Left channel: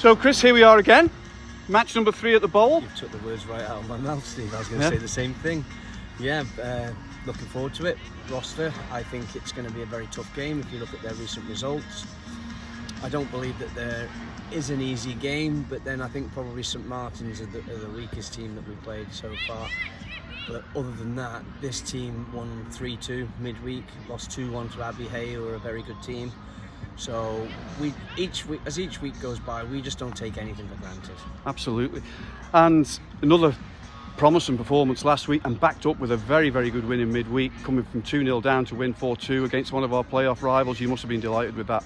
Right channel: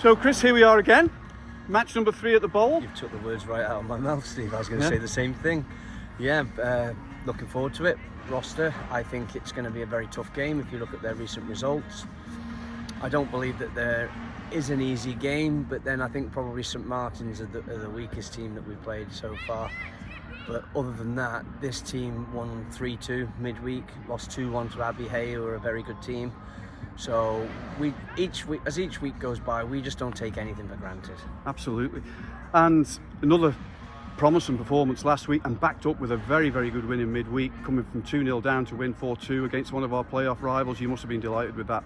So Chris, here we are again. Match number 3 at the Bowl. You've took the words right out of my mouth, Steve. I was going to say the same thing. Yeah, looking forward to it. Rocester, I think it's going to be a very tough game if you look at their recent results. I don't believe that there is an easy game, but then I think probably St Martin's are the weakest team that we've played so far. But other than that, this team won 3-2 midweek, lost 2-1 to Abbey Hay, who are a very good team. So as each week goes by, we just don't take anything for granted. Absolutely. And another promising performance last week, and backed up with a very, very good win in midweek, coming from 2-0 down to win 4-2 against one of our playoff rivals. You must have been delighted with that.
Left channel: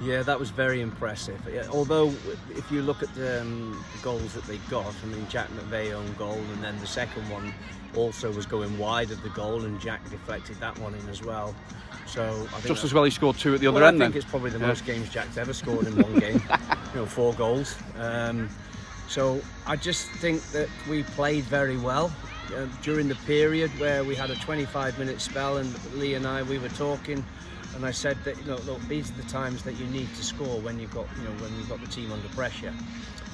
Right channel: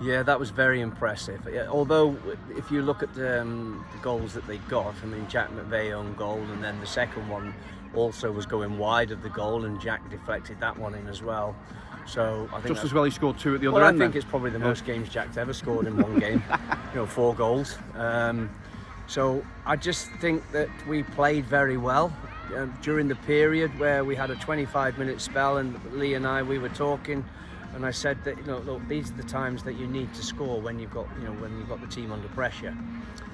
Yeah, that was very impressive. Although, if you look at the goals that they got, I mean, Jack McVeigh owned goal, and then the second one also was going wide of the goal, and Jack deflected that one in as well. So I think just as well he scored 2 at the other end. I think it's probably the most games Jack's ever scored in one game. 4 goals. So I just think that we played very well during the period where we had a 25-minute spell, and Lee and we were talking. And I said that, look, these are the times that you need to score when you've got, when you've got the team under pressure.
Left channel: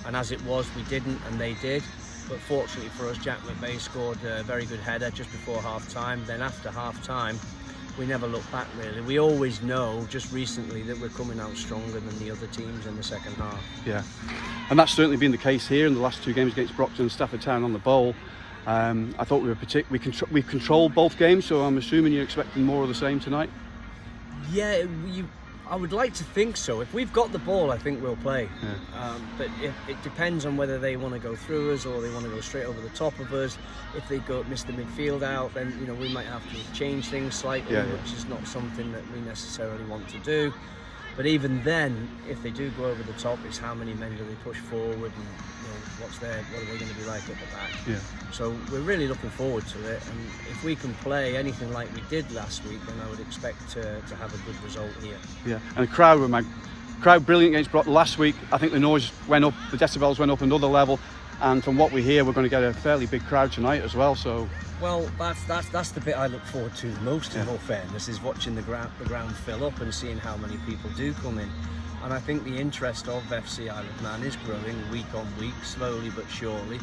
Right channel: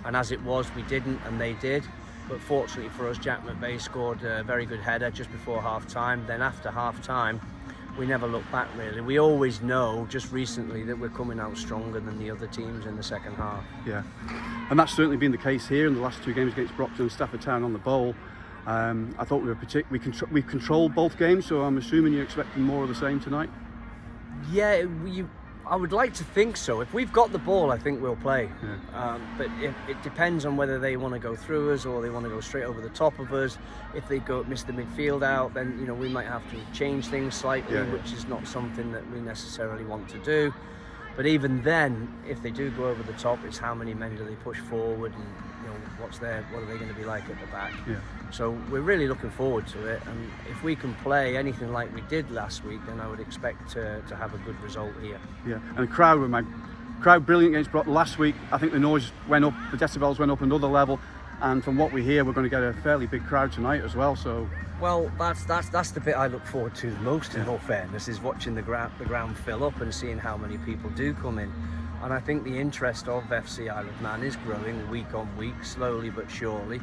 And as it was, we didn't, and they did. But fortunately for us, Jack McVeigh scored a very good header just before half-time. Then after half-time, we never looked back, really. We always know, just recently, that we're coming out stronger than the other teams in the second half. Yeah, and that's certainly been the case here in the last 2 games against Brockton and Stafford Town on the Bowl. I thought we've controlled both games, so I'm assuming you're expecting more of the same tonight. Yeah, I would like to think so. If we've got the ball, I think we'll play. Yeah. But it depends on whether they want to go through us or they want to go straight over the top of us. If they miss the midfield out, then we might have to change things slightly, which is not something that we necessarily want to do. But even then, if they do go over the top, it's how many men do they push forward, and what are they going to be like at the back? Yeah. So we're really looking forward to it, and if we can play anything like we did last week, then I would expect to have a good result here. Yeah, and the crowd brilliant against Brock last week. I think the noise went up, the decibels went up another level, and from what we hear, we're going to get a fairly big crowd tonight as well. So. Well, that's the bit I look forward to the most, in all fairness, is watching the ground fill up and seeing how many people do come in. And I think the interest of FC Isle of Man is growing week on week, slowly but surely.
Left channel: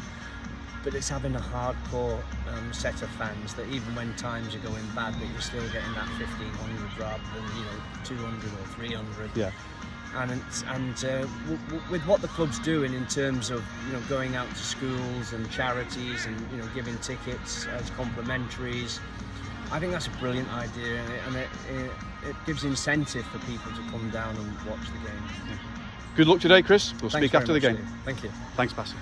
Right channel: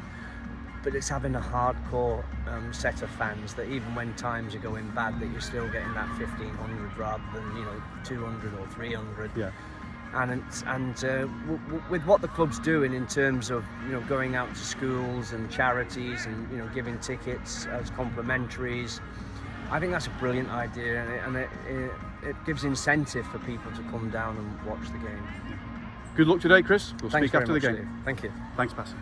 But it's having a hardcore set of fans that even when times are going bad, that you're still getting that 1,500 rather than 200 or 300. Yeah. And with what the club's doing in terms of going out to schools and charities and giving tickets as complimentaries, I think that's a brilliant idea, and it gives incentive for people to come down and watch the game. Good luck today, Chris. We'll speak after the game. Thank you. Thanks, Bassy.